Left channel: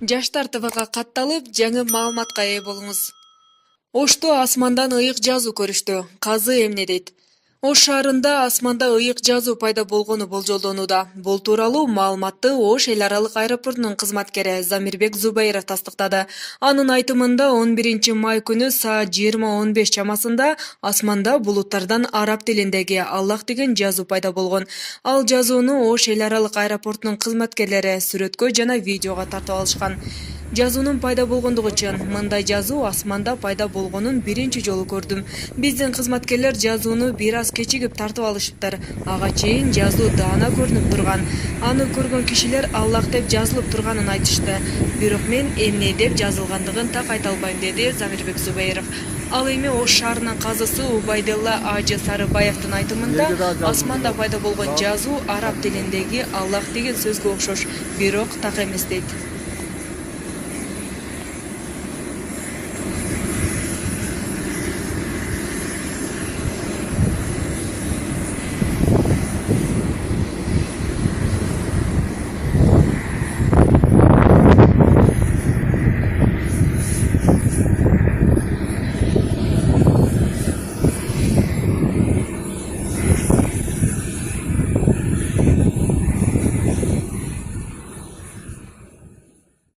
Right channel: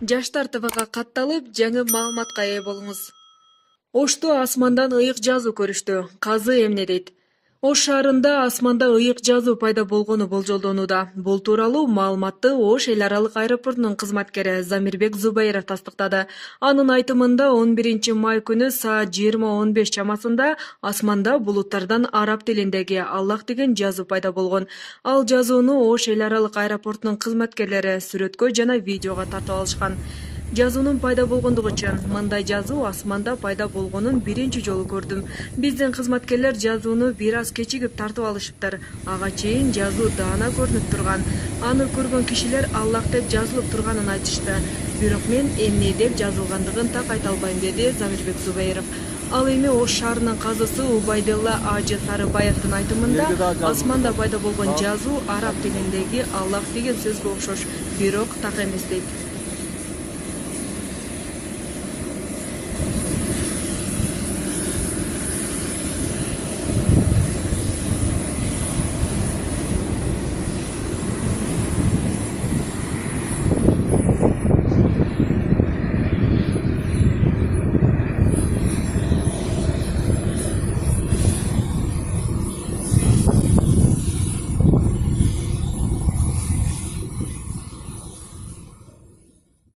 Жаштар ТВга катталып, жаңы маалыматка ээ болуңуз. Ошто асмандан ыйык жазуу көрүштү. Казы эмне дейт? Ош шаарында асманда ыйык жазуу пайда болгону болжолдонууда. Бул тууралуу маалыматты Ош эл аралык аэропортунун кызматкери Замирбек Зубайров тастыктады. Анын айтымында 11 май күнү саат 20:15 чамасында асманда булуттардан араб тилиндеги Аллах деген жазуу пайда болгон. Ал жазууну Ош эл аралык аэропортунун кызматкерлери сүрөткө жана видеого тартып алышкан. Жазуунун пайда болгондугу үчүн мындай жазуу асманда пайда болгонун биринчи жолу көрдүм. Биздин кызматкерлер жазууну бир аз кечигип тартып алышыптыр. Ага чейин жазуу даана көрүнүп турган. Аны көргөн кишилер Аллах деп жазылып турганын айтышты. Бирок мен эмне деп жазылгандыгын так айта албайм, деди Замирбек Зубайров. Ал эми Ош шаарынын казысы Убайдылла Ажы Сарыбаевдин айтымында асманда пайда болгон жазуу араб тилиндеги Аллах деген сөзгө окшош, бирок так эмес дейт.